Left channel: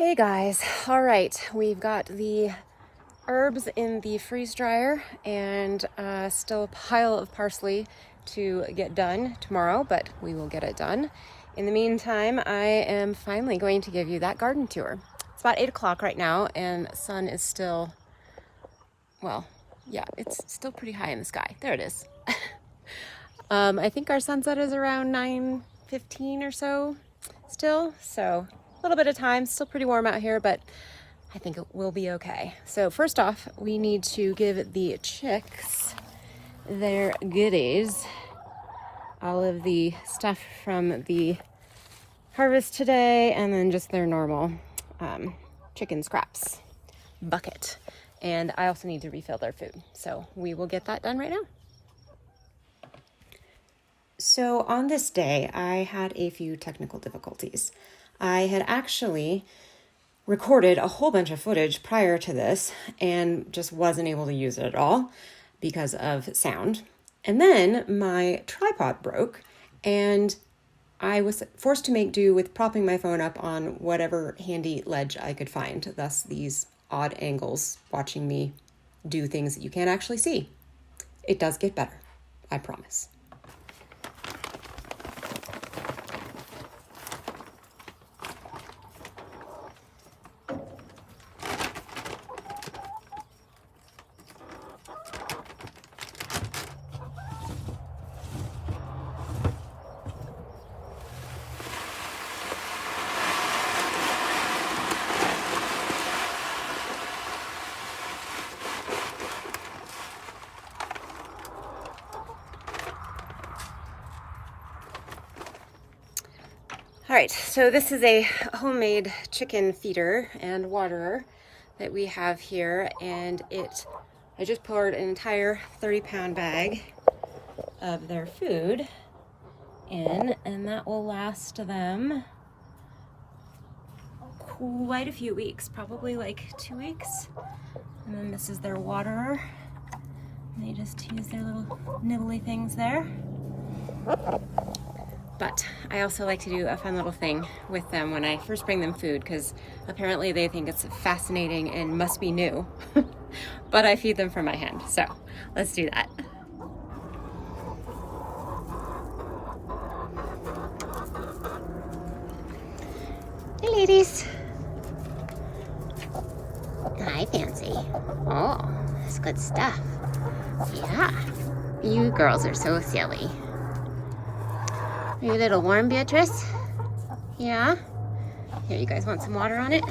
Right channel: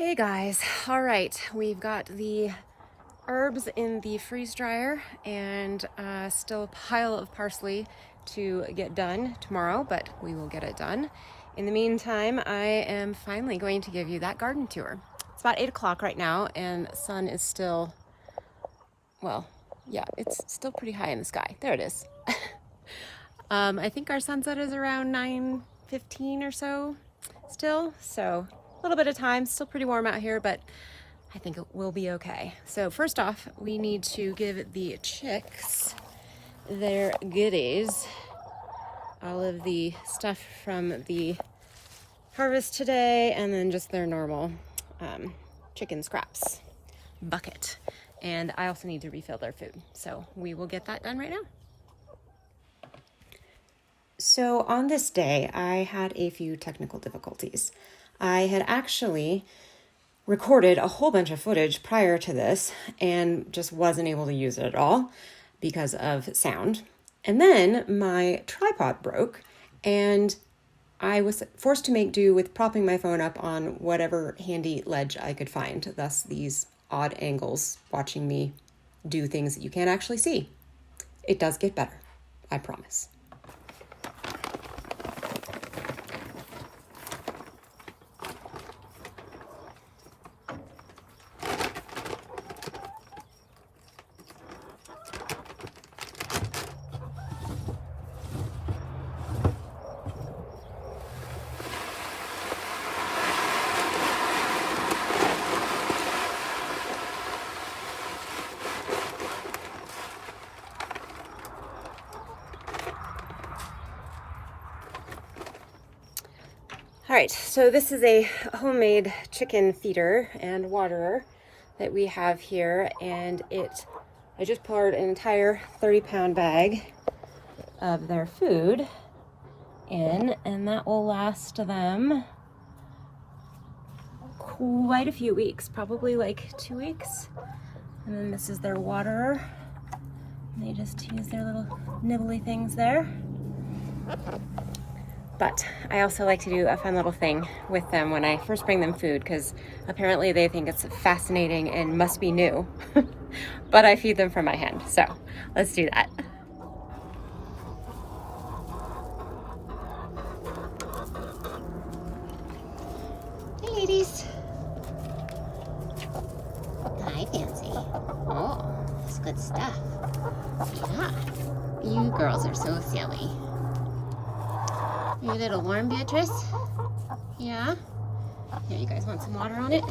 Hey guys, all right, we've got the herbs in the freeze dryer and still a pile of parsley to get done tomorrow, but we will get it done. In the meantime, I am finally going to give you that garden tour. It's about 8 o'clock right now and the sun is still, well, yeah, it's still pretty high in the sky. There it is. I think our sunset is around 9:15 or so still, so a little bit of time. Still pretty warm out here, but I think it will be okay. So first off, we need to give the chicks their goodies, all of the stuff from the harvest today, and then just their normal chicken scraps bucket. And I also need to refill their food, so we will get that done right now. So on this day, I had a few technical difficulties. I had actually recorded a whole bunch of footage prior to this and just wasn't able to use it at all because of sound. And then my tripod broke and I was forced to make do with propping my phone up on whatever handy ledge I could find, thus these odd angles watching me do things that you can't actually see. It does get better, I promise. All right, so this is a homemade chicken feeder and waterer that we have here, and I just poured an entire 30-pound bag of their food in, and that will last them quite a few weeks, probably like 2 weeks. And then this is their waterer. And they just use their little nibbly things there. But I also like to do a fun little thing with them when I first bring them food, because apparently they think it's fascinating and must be new. But I feed them from my hand, so let's do that. Hey ladies. Hi Fancy. Oh, that's good stuff. Yeah, you girls are so silly. Are you a little warm, Beatrice? Yeah? Here, you guys want some water on it?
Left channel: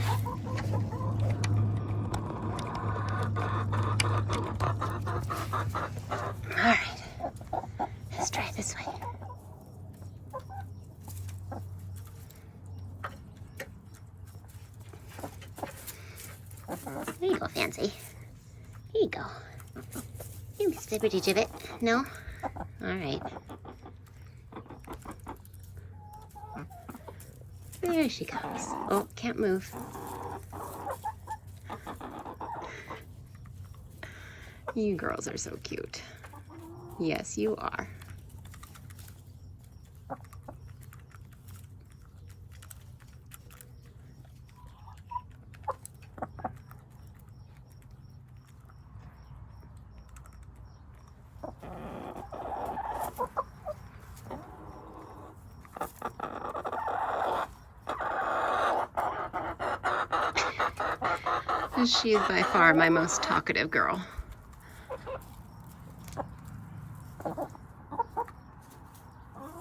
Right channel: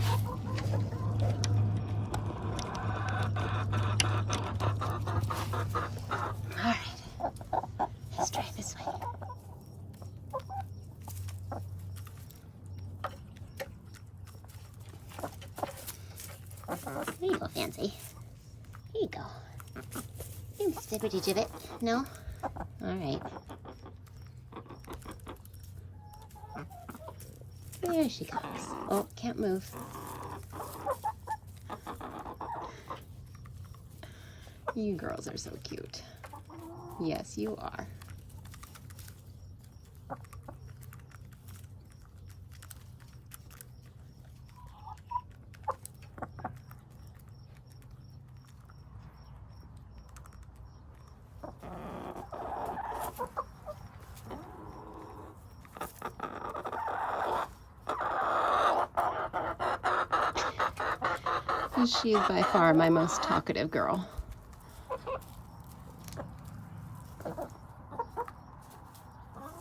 All right, let's try this way. There you go, Fancy. Here you go. You stibbity jibbit. No? All right. There she comes. Oh, can't move. You girls are so cute. Yes, you are. She is by far my most talkative girl.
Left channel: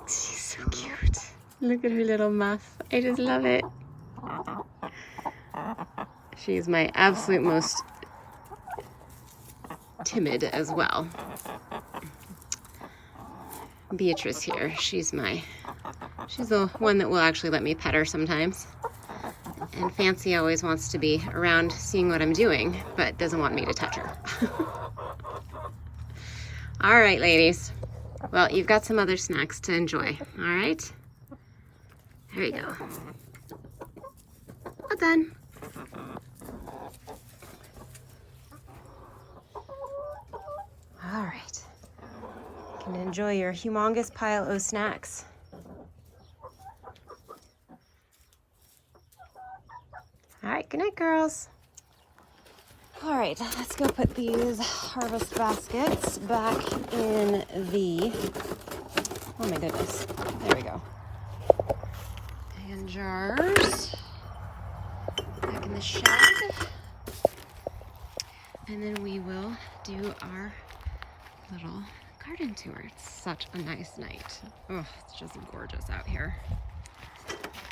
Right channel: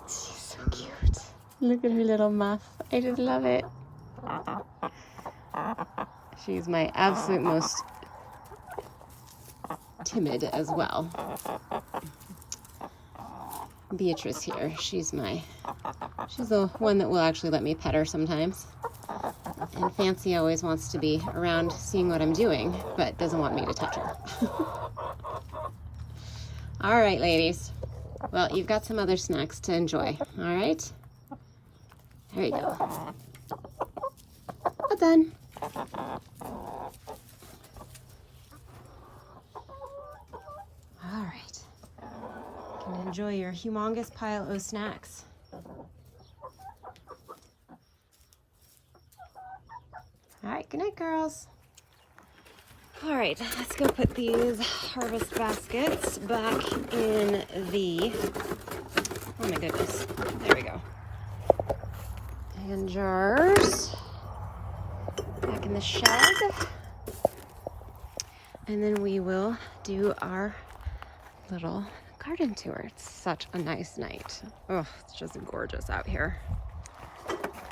She's so cute. Look at her little muff. I just love it. She's my absolute most timid as well. Beatrice here, she's the one that will actually let me pet her sometimes. And Fancy always wants to be around seeing what I'm doing, but doesn't want me to touch her. All right, ladies. Well, you've got some other snacks to enjoy, all right? There you go. All done. All right. You can enjoy your humongous pile of snacks. Good night, girls. All right, let's go put these harvest baskets back in the, oh my goodness, there we go. And jars back in the shed. And then we will do our little garden tour. It's such a nice night. Oh, it's just gorgeous out here.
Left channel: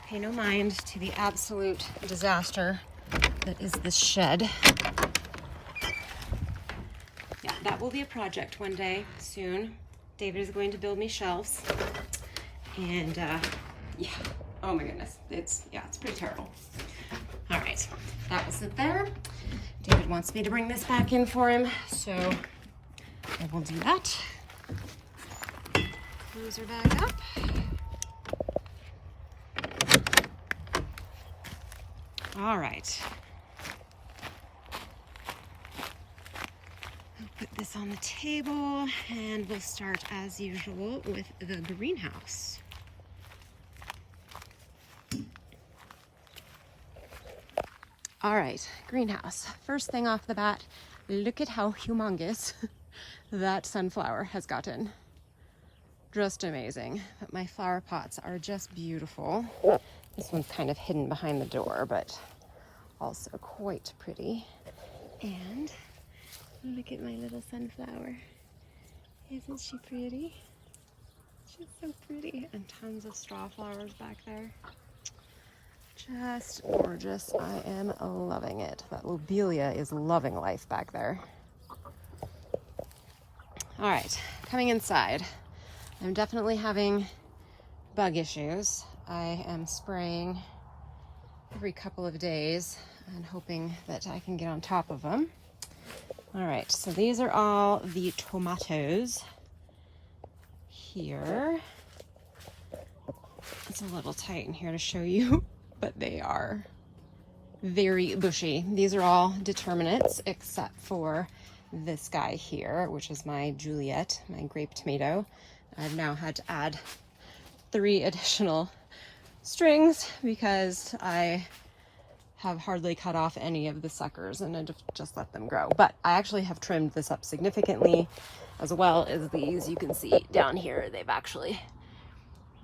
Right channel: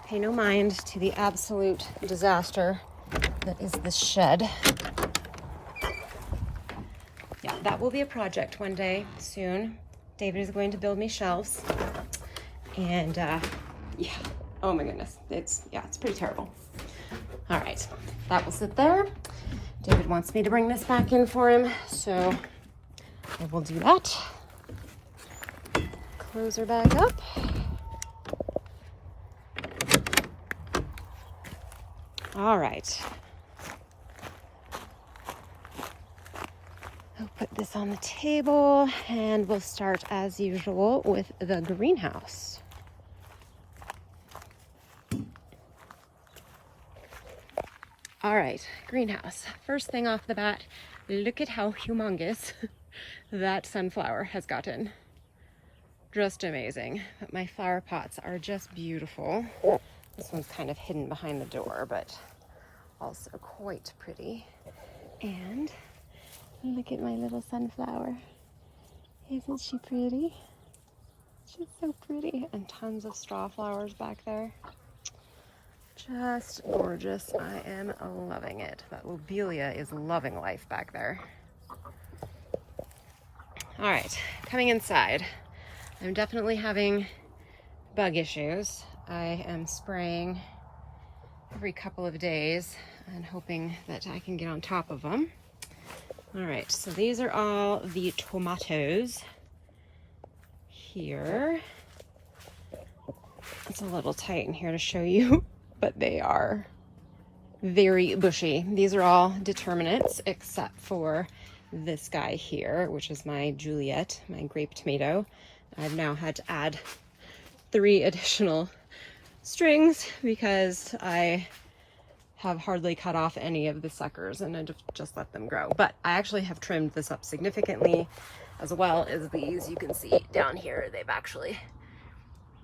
Pay no mind to the absolute disaster that is this shed. Yeah, that will be a project one day soon. David is going to build me shelves. And yeah, oh my goodness, it's pretty terrible. All right, that will sit there. David wants me to bring this back in for him, so I will do that. Close her bag up. All right. I'll put this on the table and we'll start as usual with the greenhouse. All right, greenhouse. First thing off the bat, look at how humongous that sunflower has gotten. Just amazing. But my flower pots are just beautiful. This one's kind of hidden behind the door, but also quite pretty. And look at my little sunflower. Isn't she pretty? She's so pretty. And tons of straw flowers back there. Just gorgeous. I am loving it. That lobelia is loving life back there. All right, coming inside. I'm definitely having bug issues. I am spraying every couple of days and hoping that I can get on top of them. All right, so these are all the tomatoes here. It's a little tight in here to show you, but they are very bushy. These are all determinates except for this guy here, which is my Juliet, my grape tomato. I've now had to add 3 additional strings because I have hardly cut off any of the suckers and I just let them grow. But I actually have trimmed this up significantly, as well as these. You can see down here, they've actually,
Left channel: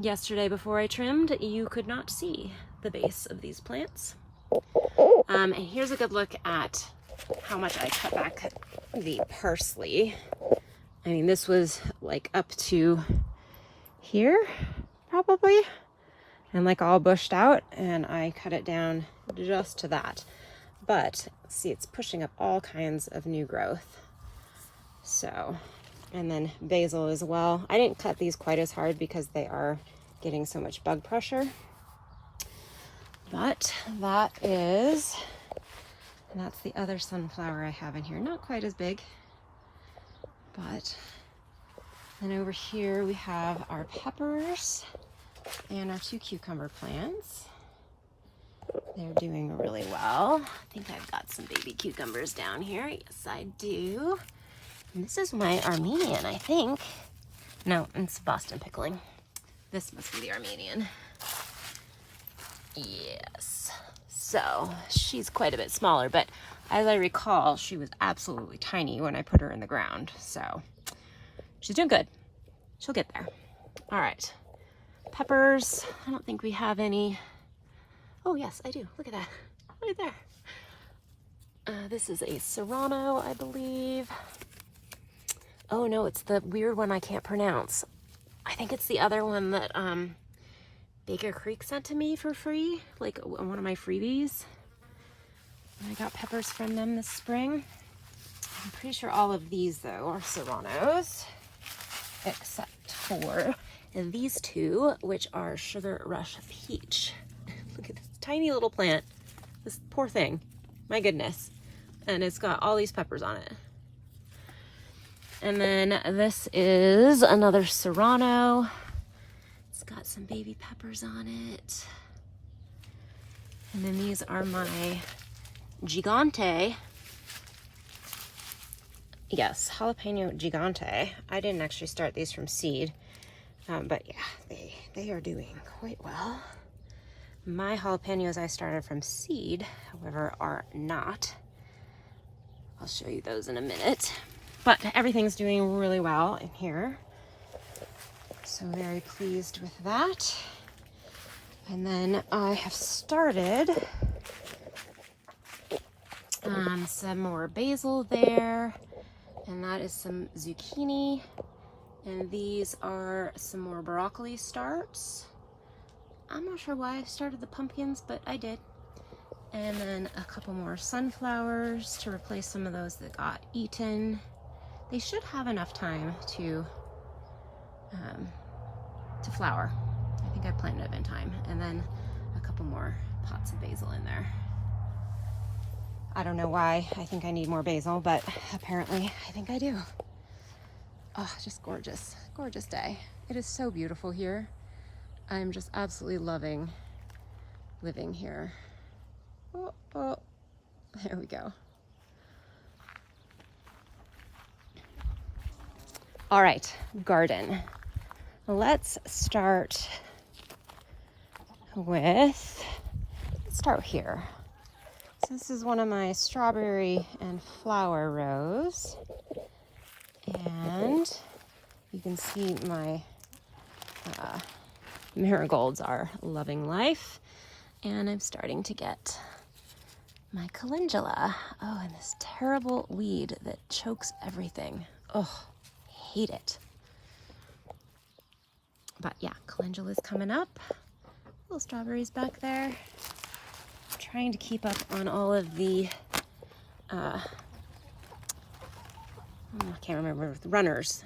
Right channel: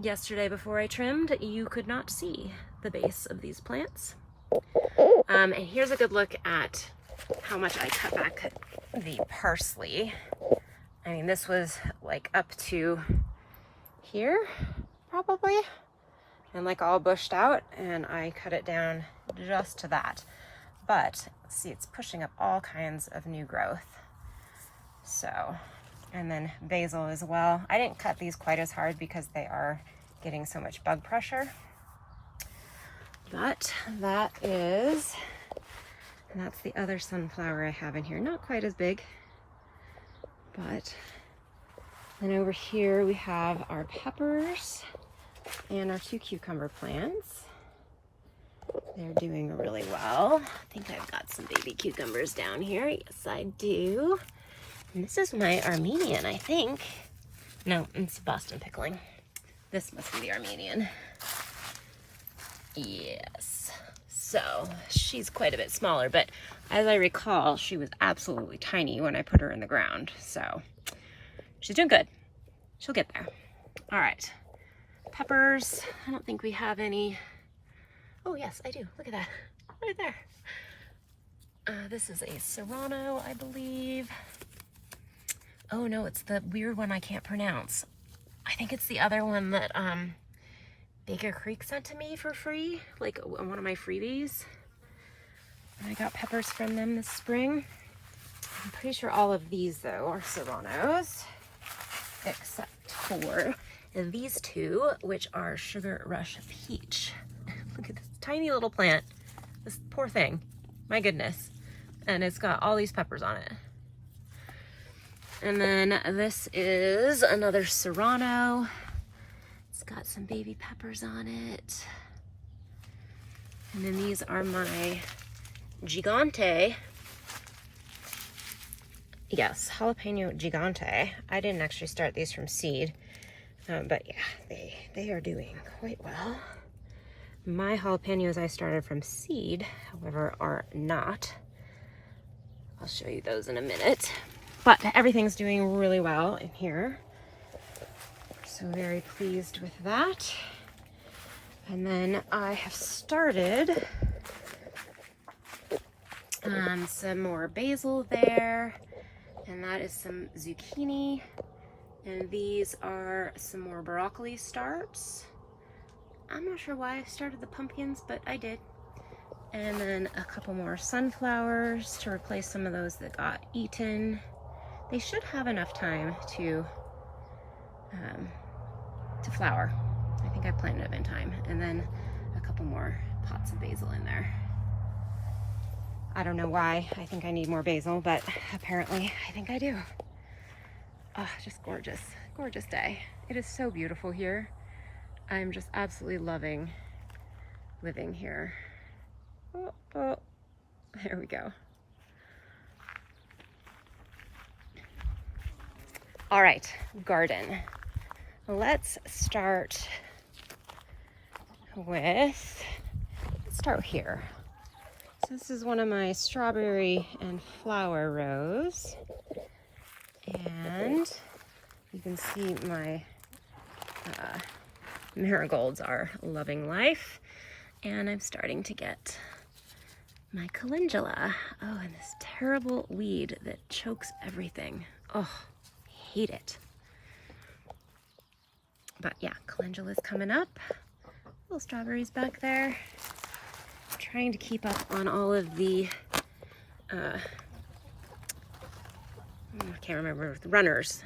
yesterday before I trimmed, you could not see the base of these plants. And here's a good look at how much I cut back the parsley. I mean, this was like up to here, probably, and like all bushed out, and I cut it down just to that. But see, it's pushing up all kinds of new growth. So, and then basil as well. I didn't cut these quite as hard because they are getting so much bug pressure. But that is, and that's the other sunflower I have in here. Not quite as big. But then over here we have our peppers and our 2 cucumber plants. They're doing really well. I think I've got some baby cucumbers down here. Yes, I do. And this is my Armenian, I think. No, it's Boston pickling. This must be the Armenian. Yes. So she's quite a bit smaller, but as I recall, she was absolutely tiny when I put her in the ground. So she's doing good. She'll get there. All right. Peppers. I don't think we have any. Oh, yes, I do. Look at that. Right there. This is a Serrano, I believe. Oh, no, it's the weird one I can't pronounce. I think it's the other one that Baker Creek sent to me for free, like one of my freebies. I got peppers from them this spring. I'm pretty sure all of these, though, are Serranos, except for these 2, which are Sugar Rush Peach. Look at this tiny little plant. This poor thing. My goodness. And it's got all these peppers on it. And then this is another Serrano. It's got some baby peppers on it. And then these are my Gigante. Yes, jalapeno Gigante. I didn't actually start these from seed, but yeah, they are doing quite well. My jalapenos I started from seed, however, are not. I'll show you those in a minute. But everything's doing really well in here. So very pleased with that. And then I have started some more basil there. And that is some zucchini. And these are some more broccoli starts. I'm not sure why I started the pumpkins, but I did. And then a couple more sunflowers to replace some of those that got eaten. They should have enough time to flower. I think I planted them in time. And then a couple more pots of basil in there. I don't know why I think I need more basil, but apparently I think I do. Oh, just gorgeous, gorgeous day. It is so beautiful here. I'm just absolutely loving living here. Oh, oh, there we go. All right, garden. Let's start with, let's start here. So this is one of my strawberry and flower rows. And you can see my marigolds are loving life. And I'm starting to get my calendula. Oh, and this terrible weed that chokes everything. Oh, hate it. But yeah, calendula's coming up. Little strawberries back there. Trying to keep up on all of the, I can't remember, the runners.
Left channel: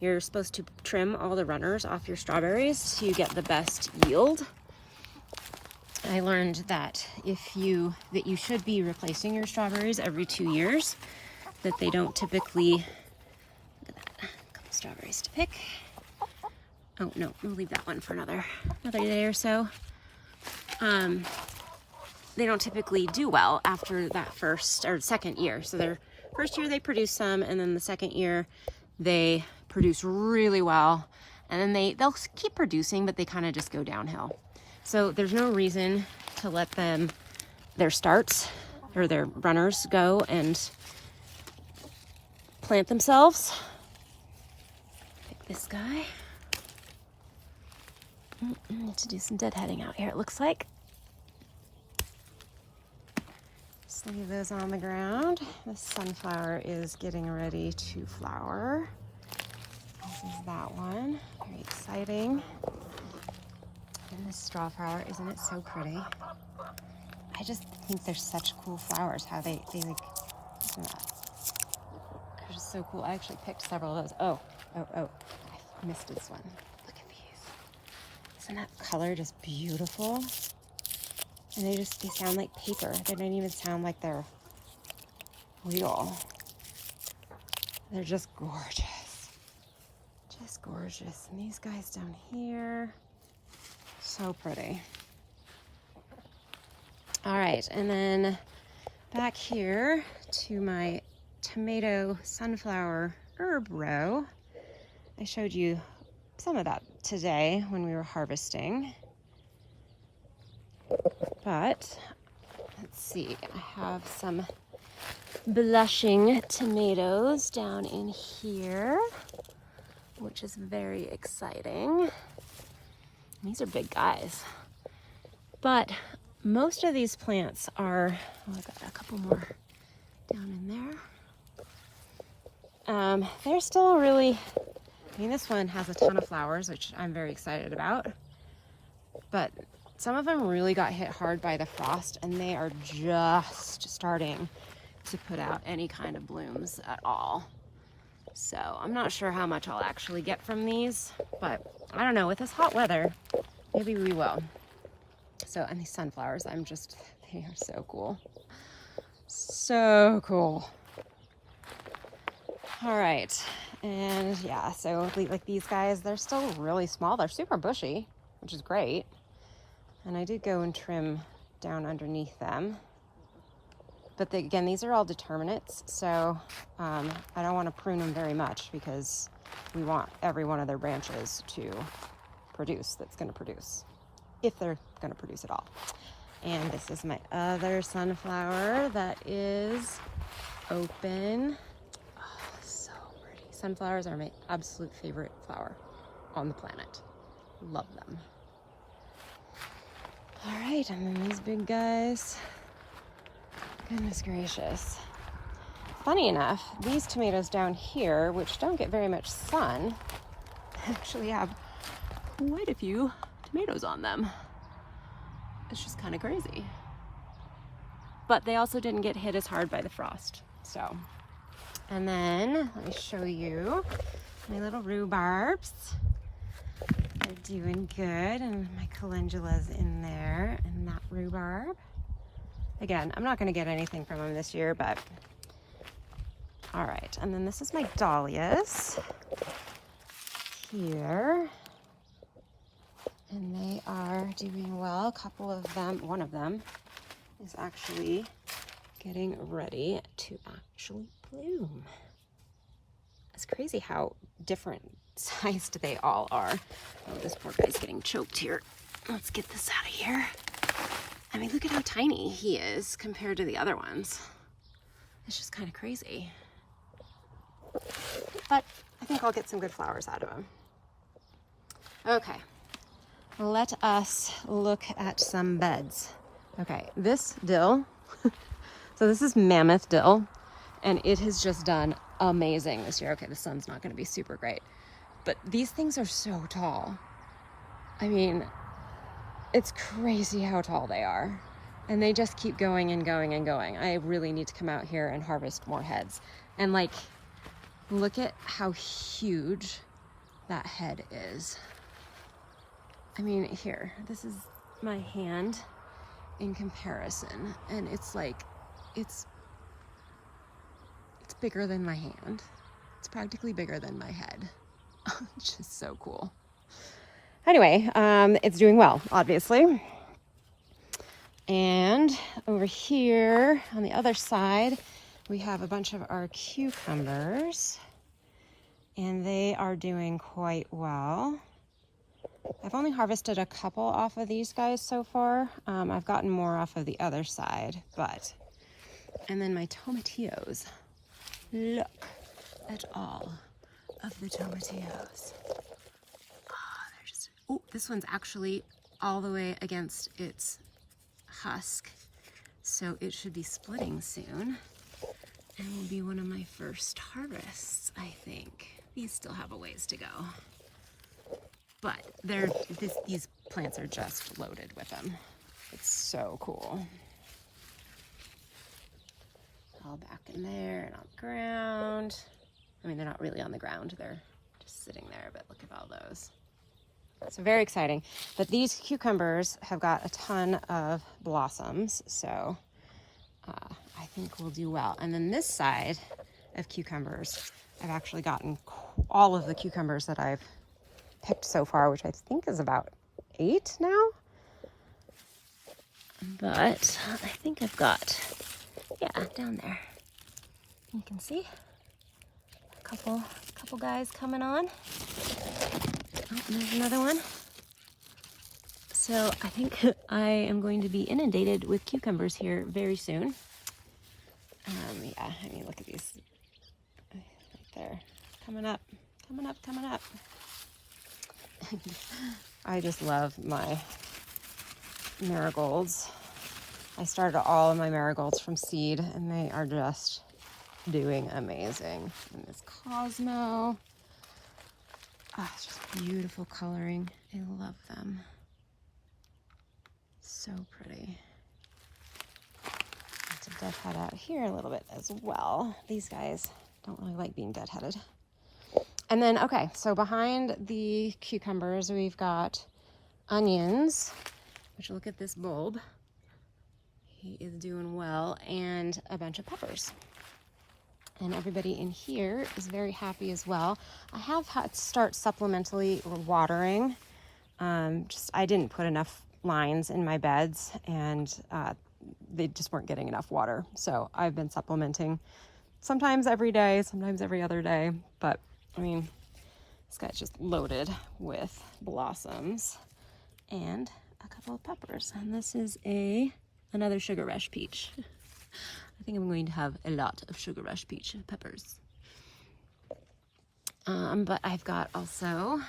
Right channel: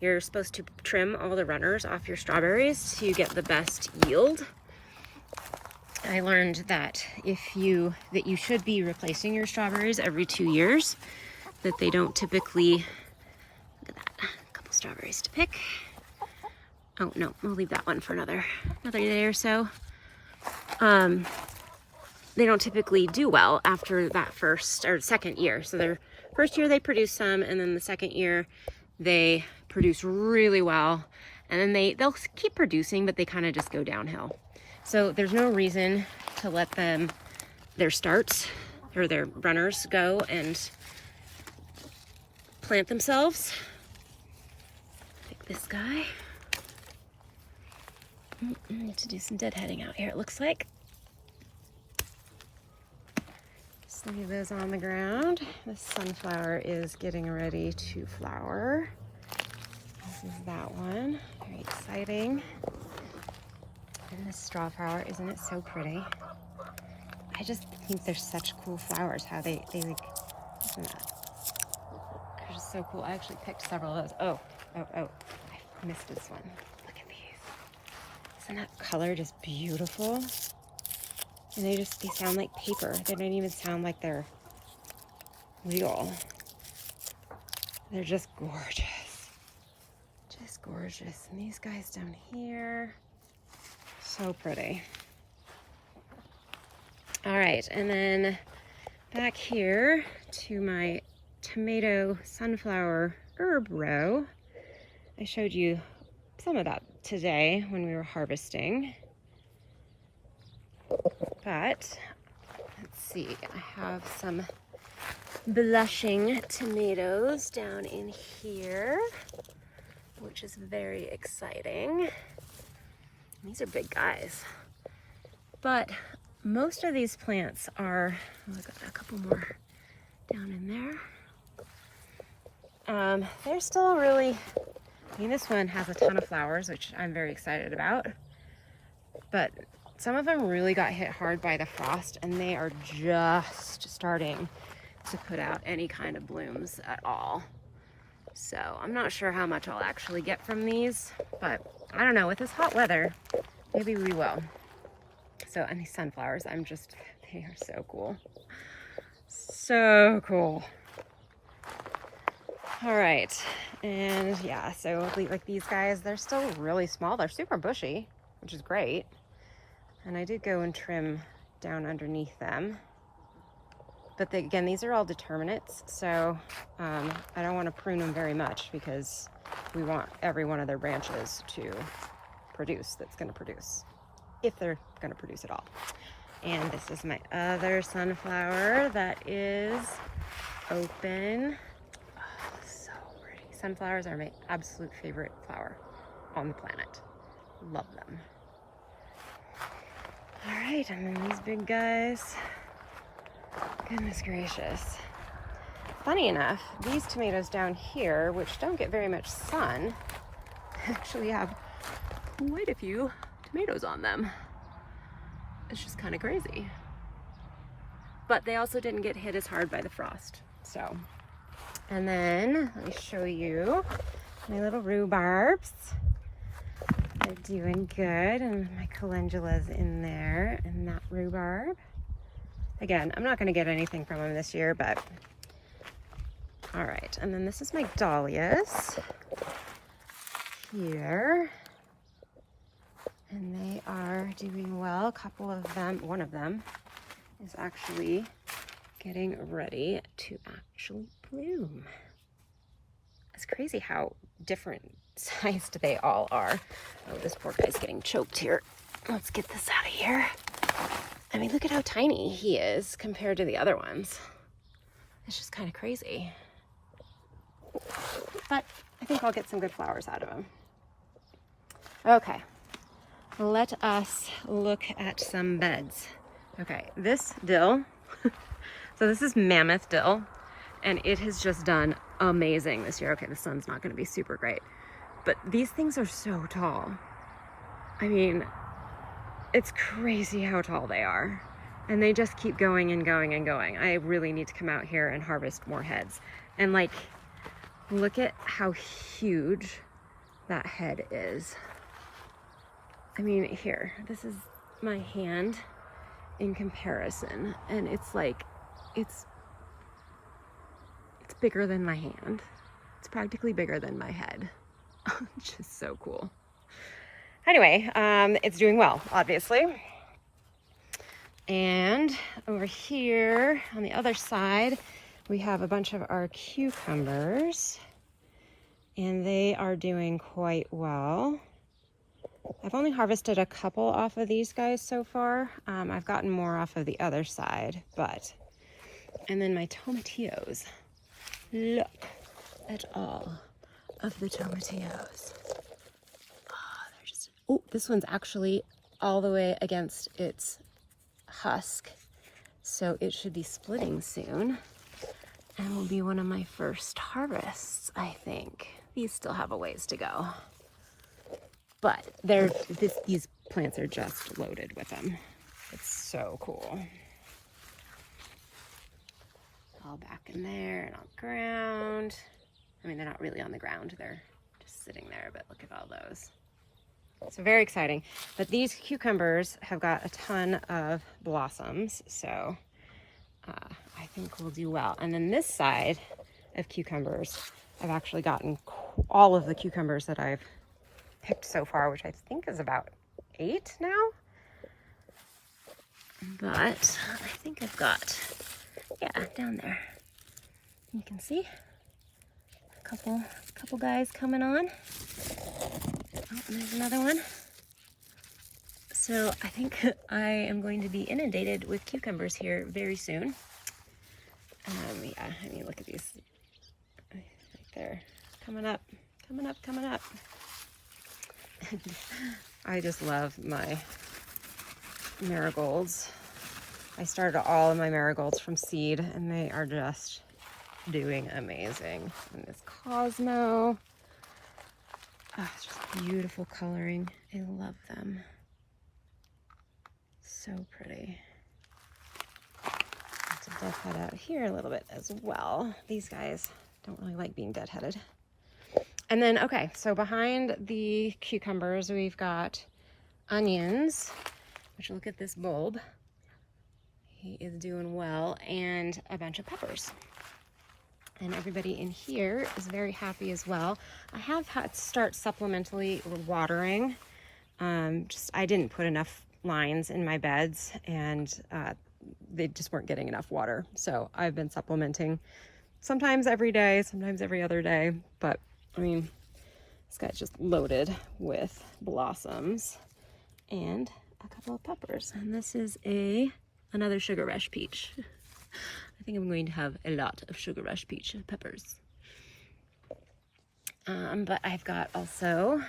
You're supposed to trim all the runners off your strawberries to get the best yield. I learned that you should be replacing your strawberries every 2 years, that they don't typically, look at that, a couple strawberries to pick. Oh no, we'll leave that one for another day or so. They don't typically do well after that first or second year. So their first year they produce some, and then the second year they produce really well, and then they'll keep producing, but they kind of just go downhill. So there's no reason to let their starts or their runners go and plant themselves. Pick this guy. Need to do some deadheading out here, it looks like. Just leave those on the ground. The sunflower is getting ready to flower. This is that one. Very exciting. And this straw flower, isn't it so pretty? I just think they're such cool flowers. How they like, isn't that? They're just so cool. I actually picked several of those. Oh, I missed this one. Look at these. Isn't that color just beautiful? And they sound like paper. They don't even sound like they're real. They're just gorgeous. Just gorgeous. And these guys down here, so pretty. All right, and then back here to my tomato sunflower herb row. I showed you some of that today when we were harvesting. But let's see, I have some blushing tomatoes down in here, which is very exciting. These are big guys. But most of these plants are, oh, I got a couple more down in there. They're still really, I mean, this one has a ton of flowers, which I'm very excited about. But some of them really got hit hard by the frost, and they are just starting to put out any kind of blooms at all. So I'm not sure how much I'll actually get from these, but I don't know, with this hot weather, maybe we will. So, and these sunflowers, they are so cool. So cool. All right, and yeah, so like these guys, they're still really small. They're super bushy, which is great. And I did go and trim down underneath them. But again, these are all determinates, so I don't want to prune them very much because we want every one of their branches to produce, that's going to produce. if they're gonna produce at all. And this is my other sunflower that is open. Oh, so pretty. Sunflowers are my absolute favorite flower on the planet. Love them. All right, and then these big guys. Goodness gracious. Funny enough, these tomatoes down here, which don't get very much sun, actually have quite a few tomatoes on them. It's just kind of crazy. But they also didn't get hit as hard by the frost. So, and then let me show you my little rhubarbs. They're doing good, and my calendula's in there, and that rhubarb. Again, I'm not gonna get anything from them this year, but all right. And then this is my dahlias here. And they are doing well. A couple of them, one of them is actually getting ready to actually bloom. It's crazy how different sized they all are. Oh, this poor guy's getting choked here. Let's get this out of here. I mean, look at how tiny he is compared to the other ones. It's just kind of crazy. But I think I'll get some good flowers out of him. Okay. Let us look at some beds. Okay, this dill, so this is mammoth dill, and it has just done amazing this year. Okay, the sun's not gonna be super great, but these things are so tall. I mean, it's crazy how tall they are. And they just keep going and going and going. I really need to come out here and harvest more heads. And like, look at how huge that head is. I mean, here, this is my hand in comparison, and it's like, it's bigger than my hand. It's practically bigger than my head. It's just so cool. Anyway, it's doing well, obviously. And over here on the other side, we have a bunch of our cucumbers, and they are doing quite well. I've only harvested a couple off of these guys so far. I've gotten more off of the other side, but, and then my tomatillos. Look at all of the tomatillos. Oh, they're just, oh, this one's actually all the way against its husk. So it should be splitting soon and will be one of my first harvests, I think. These still have a ways to go. But these plants are just loaded with them. It's so cool. All back in there and on the ground. I mean, they're not really on the ground. They're just sitting there, but look at all those. So very exciting. But these cucumbers have got a ton of blossoms. So I think we'll do well. And then this side of cucumbers, I've actually gotten all of the cucumbers that I've picked so far, which I think is about 8 now. But I think I've got, yeah, down there. You can see a couple guys coming on. Oh, there's another one. So I think I am going to be inundated with cucumbers here very soon. Yeah, I mean, look at these right there. Coming up, coming up, coming up. I just love my marigolds. I started all of my marigolds from seed, and they are just doing amazing. And this Cosmo, it's just beautiful coloring. I love them. So pretty. Let's deadhead out here a little bit as well. These guys don't really like being deadheaded. And then, okay, so behind the cucumbers, we've got onions, which look at this bulb. He is doing well, and a bunch of peppers. And everybody in here is very happy as well. I have had to start supplementally watering. I didn't put enough lines in my beds, and they just weren't getting enough water. So I've been supplementing sometimes every day, sometimes every other day, but I mean, this guy's just loaded with blossoms, and a couple of peppers. And this is another sugar rush peach. I think I'm going to have a lot of sugar rush peach peppers. But I've got also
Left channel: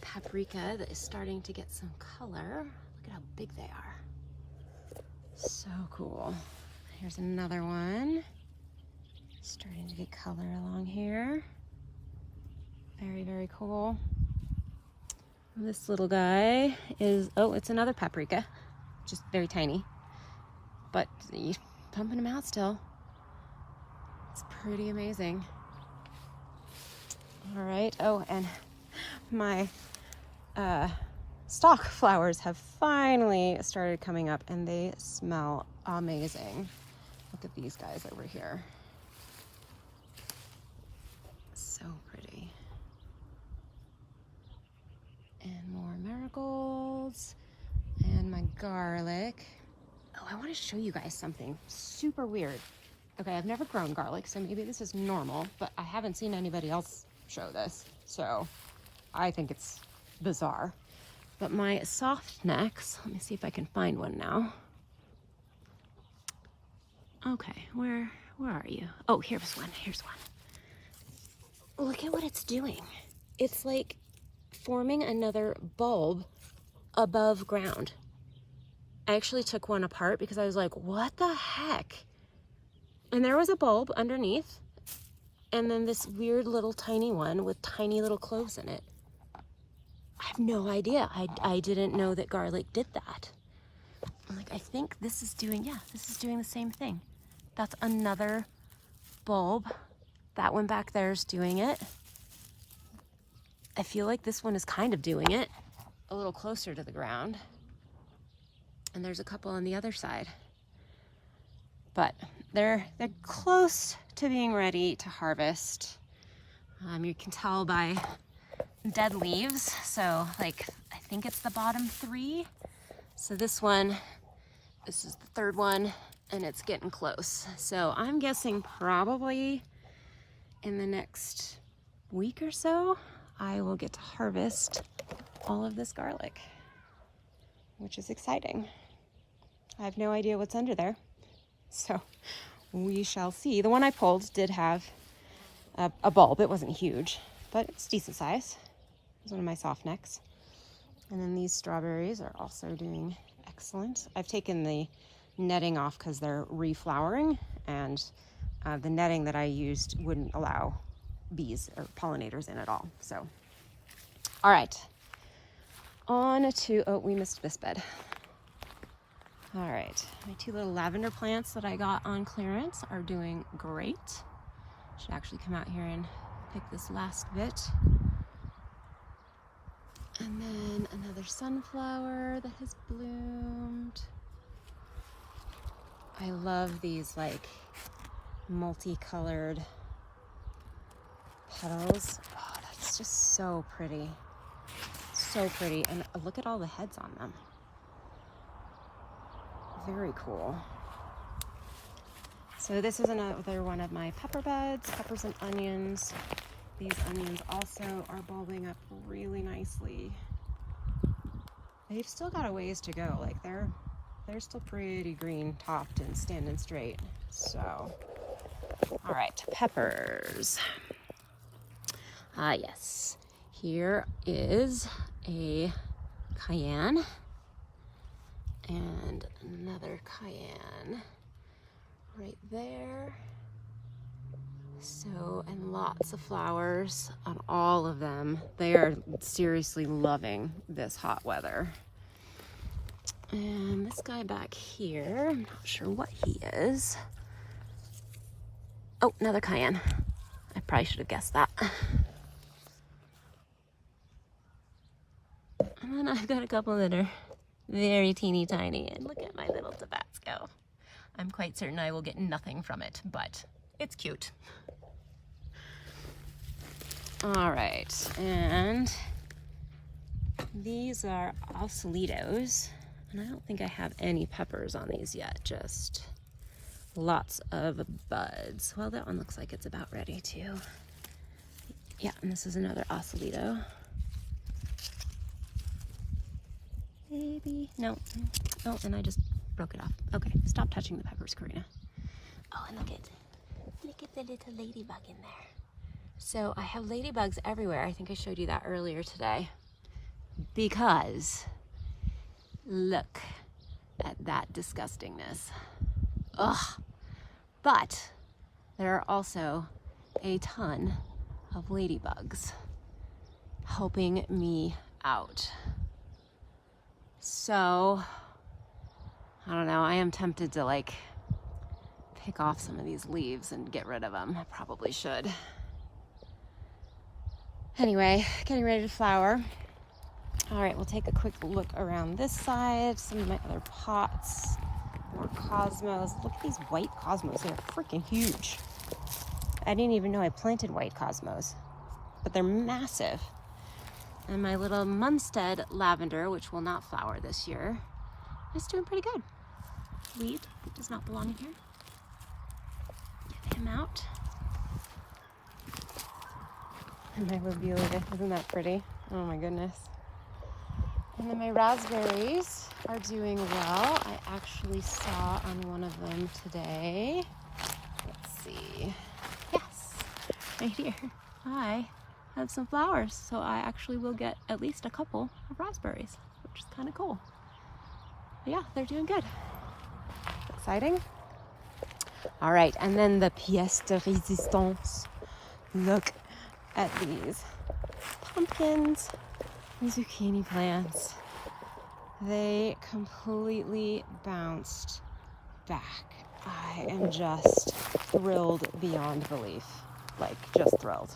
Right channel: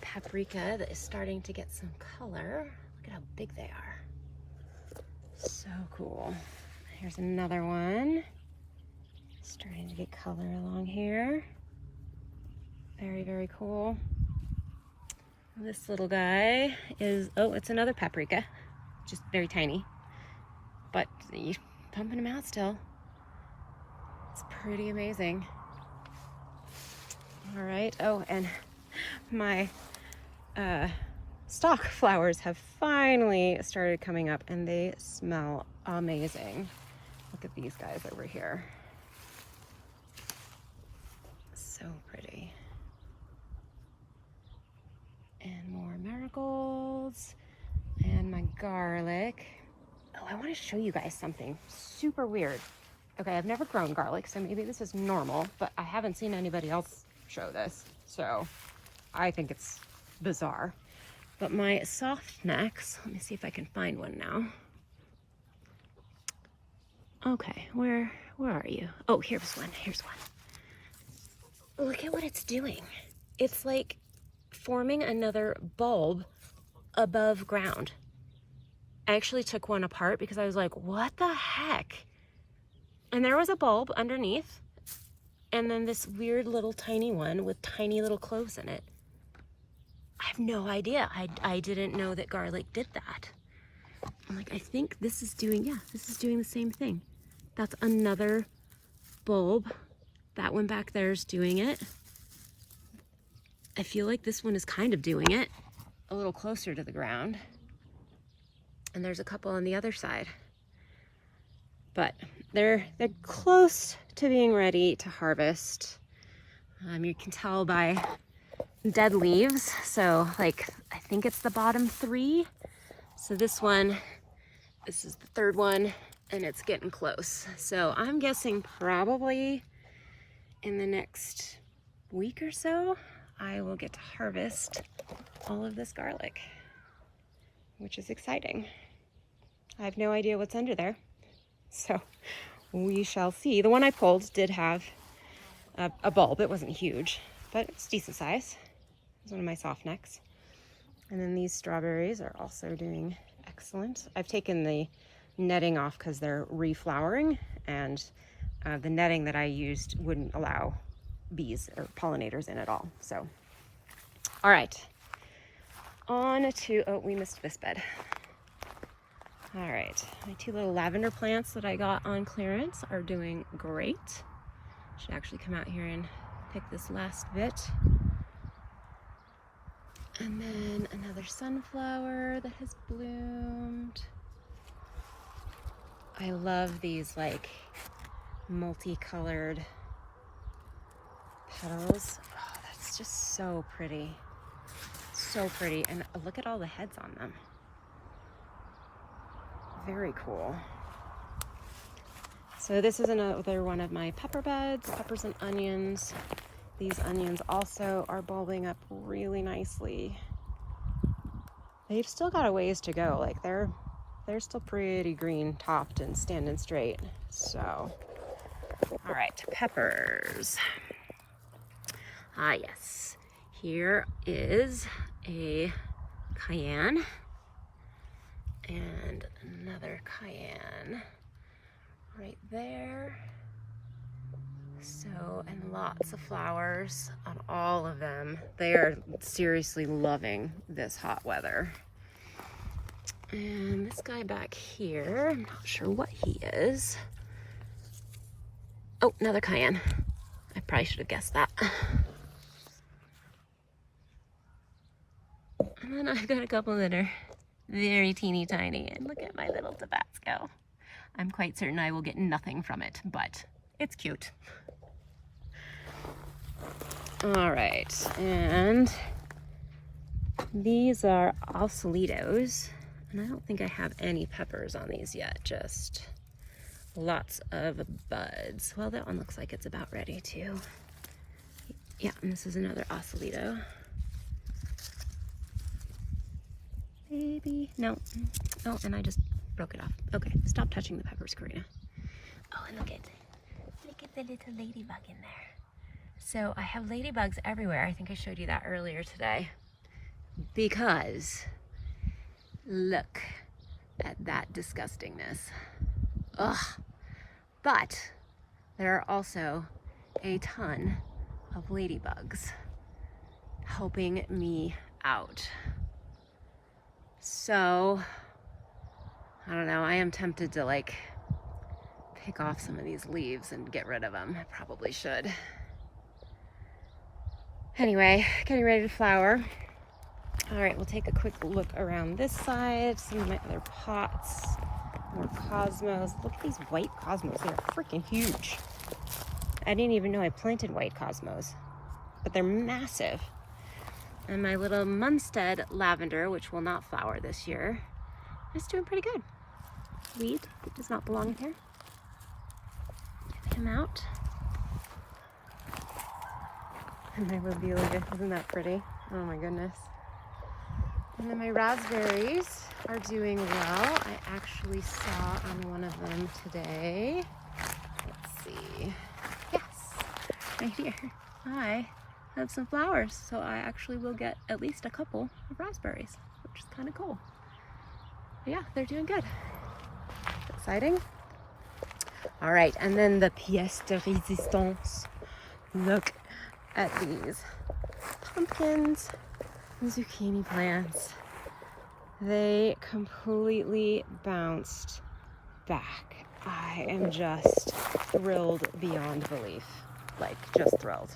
paprika that is starting to get some color. Look at how big they are. So cool. Here's another one. Starting to get color along here. Very, very cool. This little guy is, oh, it's another paprika. Just very tiny. But you're pumping them out still. It's pretty amazing. All right, oh, and my stock flowers have finally started coming up and they smell amazing. Look at these guys over here. So pretty. And more marigolds and my garlic. Oh, I want to show you guys something super weird. Okay, I've never grown garlic, so maybe this is normal, but I haven't seen anybody else show this, so I think it's bizarre. But my soft necks, let me see if I can find one now. Okay, where are you? Oh, here's one. Look at what it's doing. It's like forming another bulb above ground. I actually took one apart because I was like, what the heck? And there was a bulb underneath, and then this weird little tiny one with tiny little cloves in it. I have no idea. I didn't know that garlic did that. I'm like, I think this is doing, yeah, this is doing the same thing. That's another bulb. That one back there is doing it. I feel like this one is kind of doing it a little closer to the ground. And there's a couple on the other side. But they're close to being ready to harvest. You can tell by dead leaves. So like, I think it's the bottom 3. So this is the third one, and it's getting close. So I'm guessing probably in the next week or so, I will get to harvest all of this garlic, which is exciting. I have no idea what's under there, so we shall see. The one I pulled did have a bulb. It wasn't huge, but it's decent size. It's one of my soft necks. And then these strawberries are also doing excellent. I've taken the netting off because they're reflowering, and the netting that I used wouldn't allow bees or pollinators in at all. So, all right, on to, oh, we missed this bed. All right, my 2 little lavender plants that I got on clearance are doing great. Should actually come out here and pick this last bit. And then another sunflower that has bloomed. I love these like multicolored petals. Oh, that's just so pretty. So pretty. And look at all the heads on them. Very cool. So this is another one of my pepper beds, peppers and onions. These onions also are bulbing up really nicely. They've still got a ways to go. Like they're still pretty green topped and standing straight. So, all right, peppers. Ah, yes. Here is a cayenne and another cayenne right there. So, and lots of flowers on all of them. They are seriously loving this hot weather. And this guy back here, I'm not sure what he is. Oh, another cayenne. I probably should have guessed that. And then I've got a couple that are very teeny tiny. And look at my little Tabasco. I'm quite certain I will get nothing from it, but it's cute. All right, and these are Osalitos, and I don't think I have any peppers on these yet, just lots of buds. Well, that one looks like it's about ready too. Yeah, and this is another Osalito. Baby. No. Oh, and I just broke it off. Okay, stop touching the peppers, Karina. Oh, and look at the little ladybug in there. So I have ladybugs everywhere. I think I showed you that earlier today. Because look at that disgustingness. Ugh. But there are also a ton of ladybugs helping me out. So, I don't know, I am tempted to like pick off some of these leaves and get rid of them. I probably should. Anyway, getting ready to flower. All right, we'll take a quick look around this side, some of my other pots, more cosmos. Look at these white cosmos, they're freaking huge. I didn't even know I planted white cosmos, but they're massive. And my little Mumstead lavender, which will not flower this year, is doing pretty good. Weed, it does not belong here. Get him out. And my lobelia, isn't that pretty? Oh my goodness. And then my raspberries are doing well. I actually saw on one of them today. Let's see. Yes, right here. I have some flowers, so I actually will get at least a couple of raspberries, which is kind of cool. But yeah, they're doing good. Exciting. All right, and then the pièce de résistance. Look at these pumpkins and zucchini plants. They completely bounced back. I am just thrilled beyond belief. Like, just thrilled.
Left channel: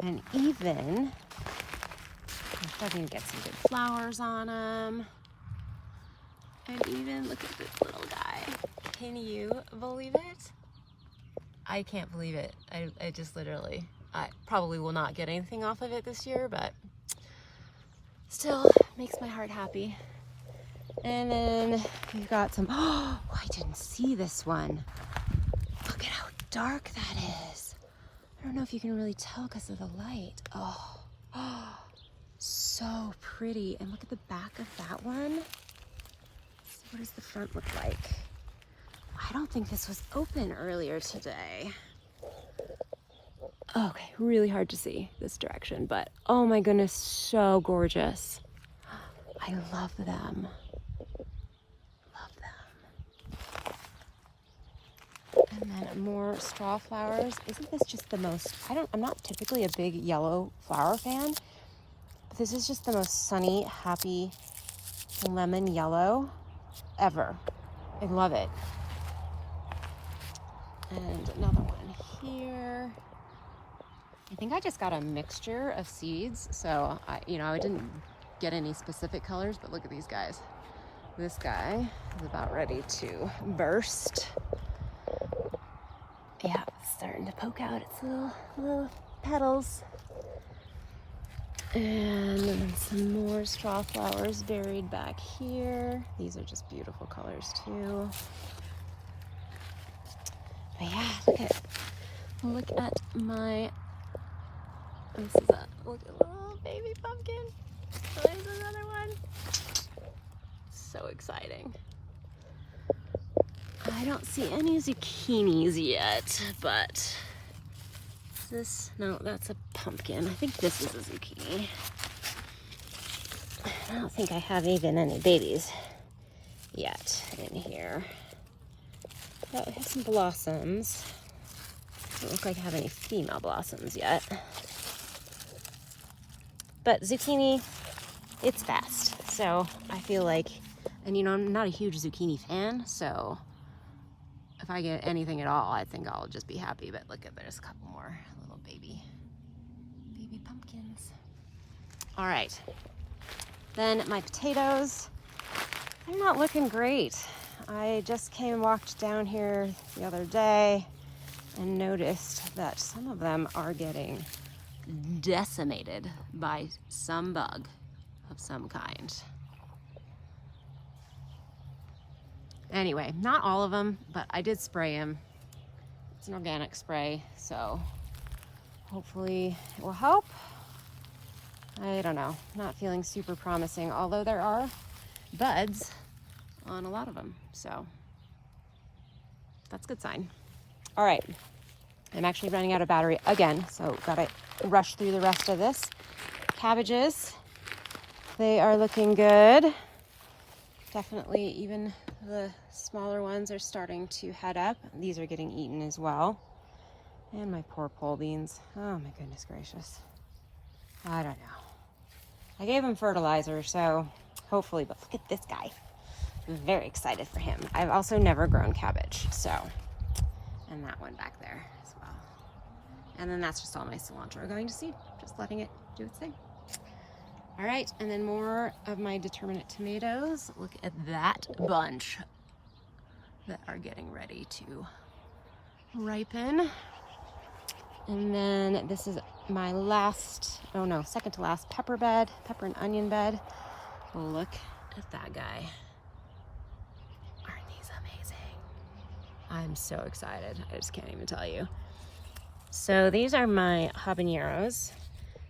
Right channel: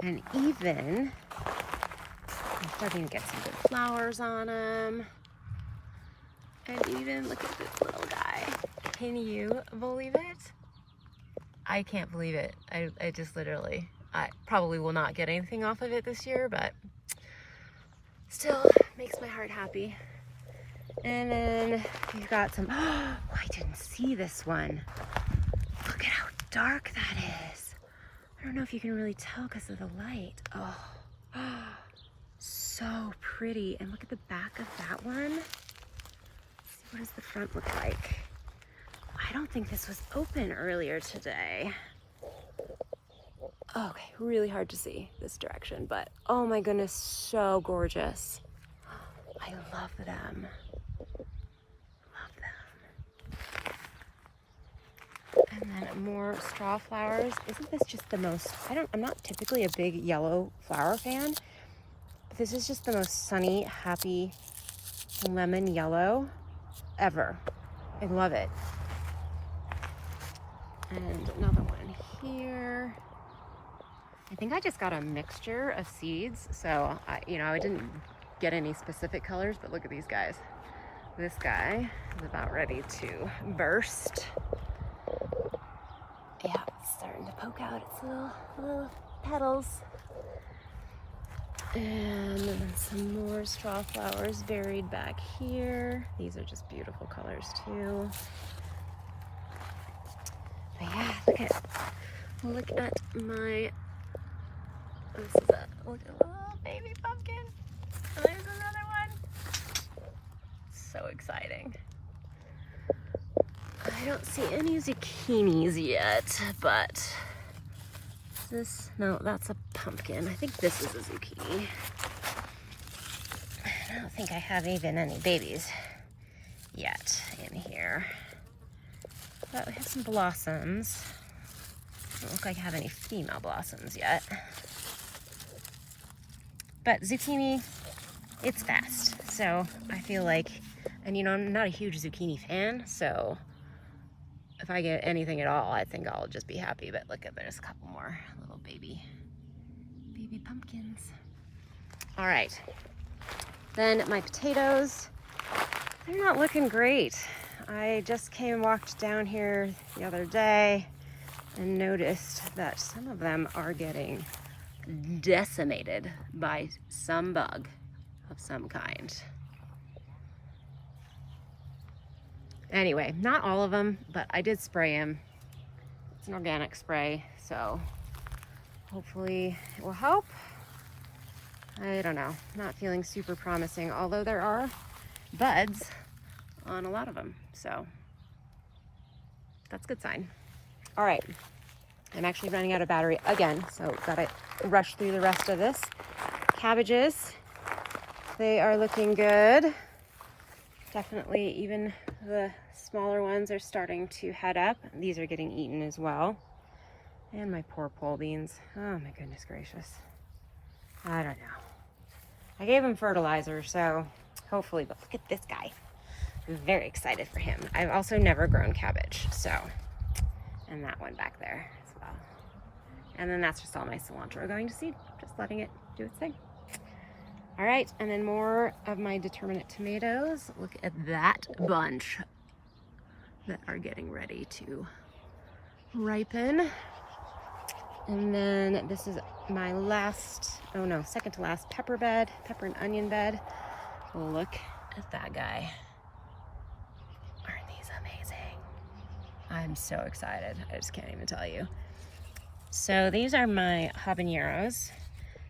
And even, I'm starting to get some good flowers on them. And even, look at this little guy. Can you believe it? I can't believe it. I just literally, I probably will not get anything off of it this year, but still makes my heart happy. And then we've got some, oh, I didn't see this one. Look at how dark that is. I don't know if you can really tell because of the light. Oh, so pretty. And look at the back of that one. Let's see, what does the front look like? I don't think this was open earlier today. Okay, really hard to see this direction, but oh my goodness, so gorgeous. I love them. Love them. And then more straw flowers. Isn't this just the most, I'm not typically a big yellow flower fan, but this is just the most sunny, happy lemon yellow ever. I love it. And another one here. I think I just got a mixture of seeds, so I didn't get any specific colors, but look at these guys. This guy is about ready to burst. Yeah, it's starting to poke out its little petals. And some more straw flowers buried back here. These are just beautiful colors too. But yeah, look at my, this is a little baby pumpkin. So there's another one. So exciting. I don't see any zucchinis yet, but no, that's a pumpkin. I think this is a zucchini. I don't think I have even any babies yet in here. But we have some blossoms. Doesn't look like I have any female blossoms yet. But zucchini, it's fast. So I feel like, and I'm not a huge zucchini fan, so if I get anything at all, I think I'll just be happy. But look at, there's a couple more little baby pumpkins. All right. Then my potatoes, they're not looking great. I just walked down here the other day and noticed that some of them are getting decimated by some bug of some kind. Anyway, not all of them, but I did spray them. It's an organic spray, so hopefully it will help. I don't know, not feeling super promising, although there are buds on a lot of them, so that's a good sign. All right, I'm actually running out of battery again, so gotta rush through the rest of this. Cabbages, they are looking good. Definitely even the smaller ones are starting to head up. These are getting eaten as well. And my poor pole beans. Oh my goodness gracious. I don't know. I gave him fertilizer, so hopefully, but look at this guy. I'm very excited for him. I've also never grown cabbage, so, and that one back there as well. And then that's just all my cilantro going to seed, just letting it do its thing. All right, and then more of my determinate tomatoes. Look at that bunch that are getting ready to ripen. And then this is my last, oh no, second to last pepper bed, pepper and onion bed. Look at that guy. Aren't these amazing? I'm so excited. I just can't even tell you. So these are my habaneros,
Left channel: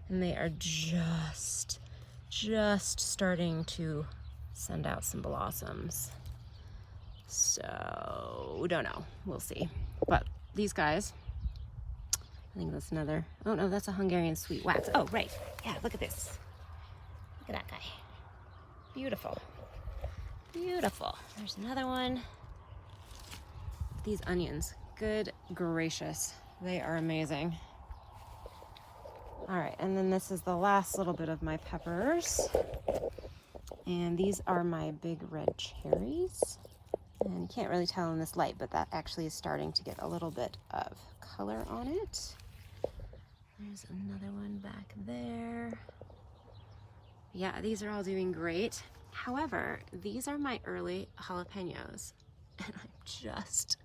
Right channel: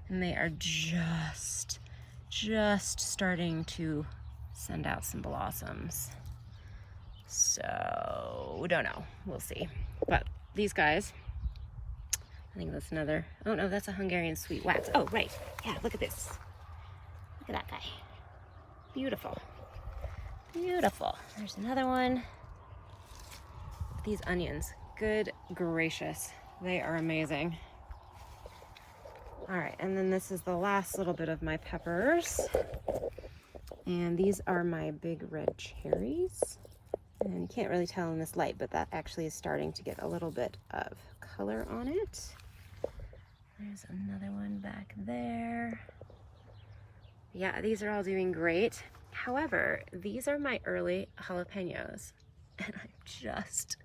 and they are just starting to send out some blossoms. So we don't know, we'll see. But these guys, I think that's another, oh no, that's a Hungarian sweet wax. Oh, right, yeah, look at this. Look at that guy. Beautiful, beautiful. There's another one. These onions, good gracious, they are amazing. All right, and then this is the last little bit of my peppers. And these are my big red cherries. And you can't really tell in this light, but that actually is starting to get a little bit of color on it. There's another one back there. Yeah, these are all doing great. However, these are my early jalapenos, and I'm just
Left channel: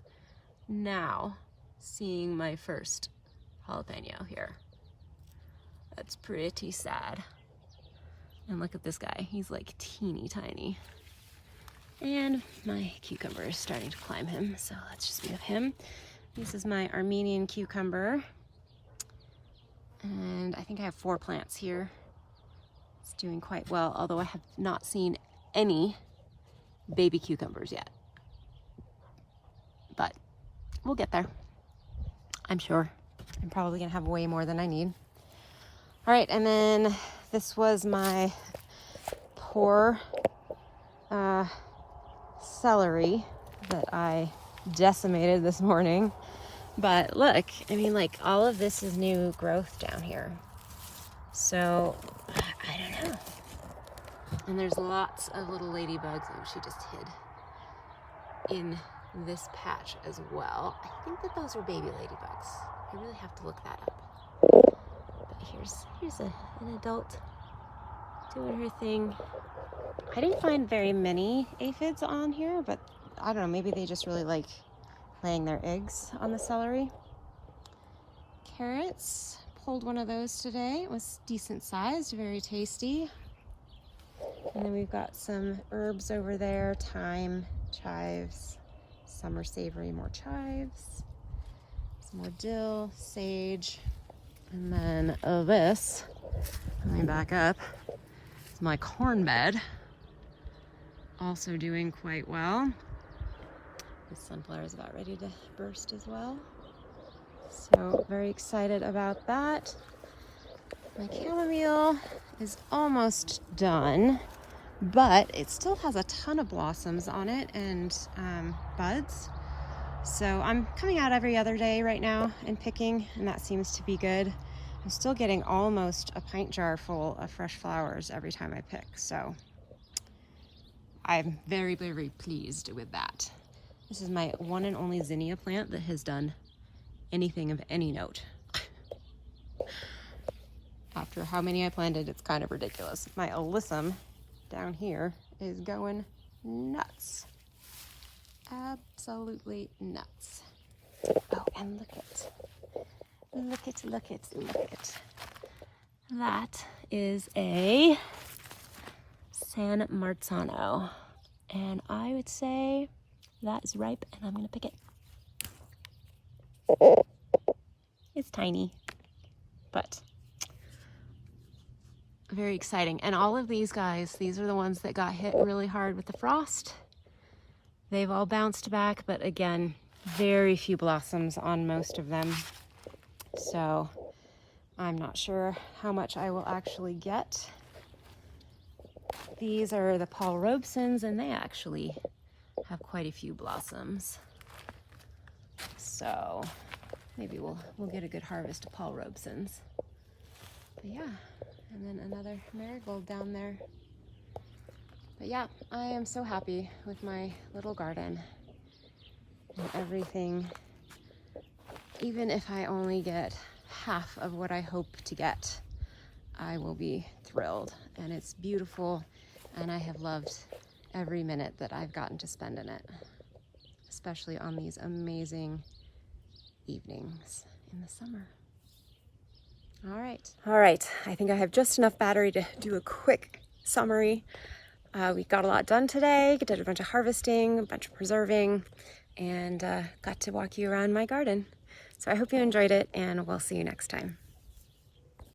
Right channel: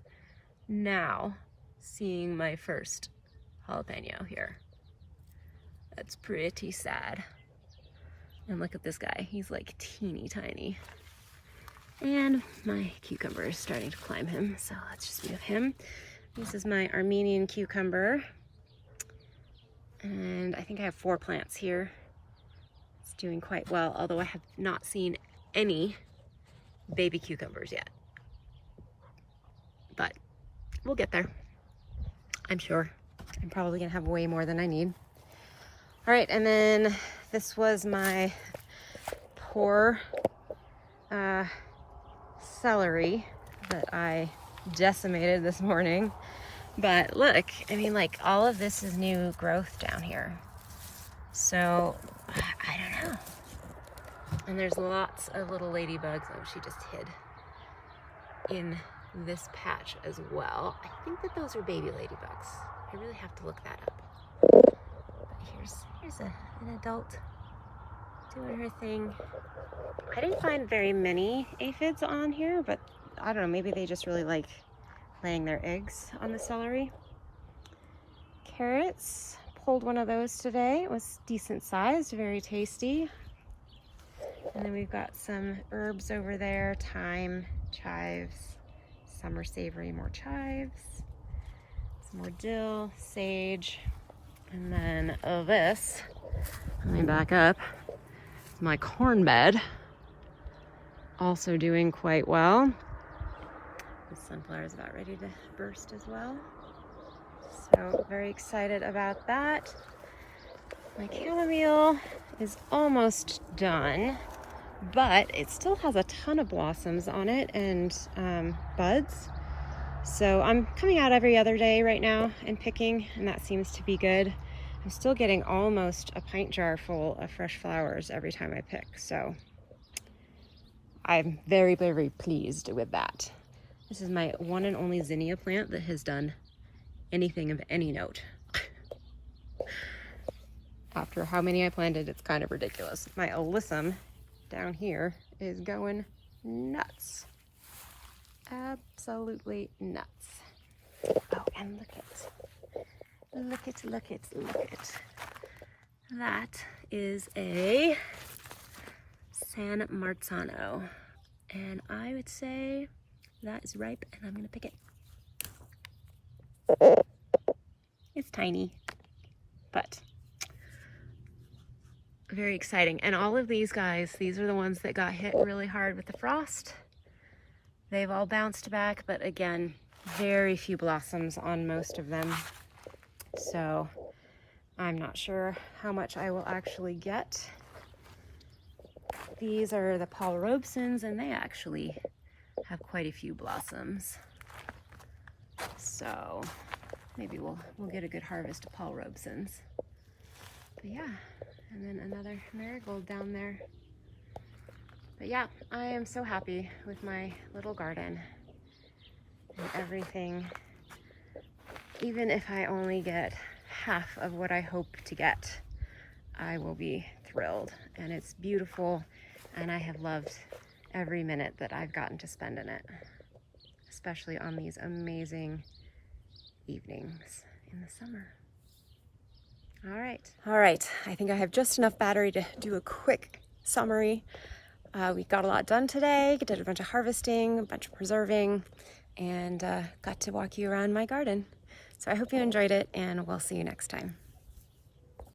now seeing my first jalapeno here. That's pretty sad. And look at this guy, he's like teeny tiny. And my cucumber is starting to climb him, so let's just be with him. This is my Armenian cucumber. And I think I have 4 plants here. It's doing quite well, although I have not seen any baby cucumbers yet. But we'll get there, I'm sure. I'm probably gonna have way more than I need. All right, and then this was my poor celery that I decimated this morning. But look, I mean, like, all of this is new growth down here. So, I don't know. And there's lots of little ladybugs. Oh, she just hid in this patch as well. I think that those are baby ladybugs. I really have to look that up. But here's an adult doing her thing. I didn't find very many aphids on here, but I don't know, maybe they just really like laying their eggs on the celery. Carrots, pulled one of those today. It was decent sized, very tasty. And then we've got some herbs over there, thyme, chives, summer savory, more chives, some more dill, sage, and then this, coming back up, is my corn bed, also doing quite well. The sunflower is about ready to burst as well. So very excited about that. My chamomile is almost done, but it still has a ton of blossoms on it and buds. So I'm coming out every other day right now and picking, and that seems to be good. I'm still getting almost a pint jar full of fresh flowers every time I pick. So I'm very, very pleased with that. This is my one and only zinnia plant that has done anything of any note. After how many I planted, it's kind of ridiculous. My alyssum down here is going nuts. Absolutely nuts. Oh, and look at. That is a San Marzano. And I would say that is ripe, and I'm gonna pick it. It's tiny, but very exciting. And all of these guys, these are the ones that got hit really hard with the frost. They've all bounced back, but again, very few blossoms on most of them. So I'm not sure how much I will actually get. These are the Paul Robesons, and they actually have quite a few blossoms. So maybe we'll get a good harvest of Paul Robesons. But yeah, and then another marigold down there. But yeah, I am so happy with my little garden and everything. Even if I only get half of what I hope to get, I will be thrilled. And it's beautiful, and I have loved every minute that I've gotten to spend in it, especially on these amazing evenings in the summer. All right, I think I have just enough battery to do a quick summary. We got a lot done today, did a bunch of harvesting, a bunch of preserving, and got to walk you around my garden. So I hope you enjoyed it, and we'll see you next time.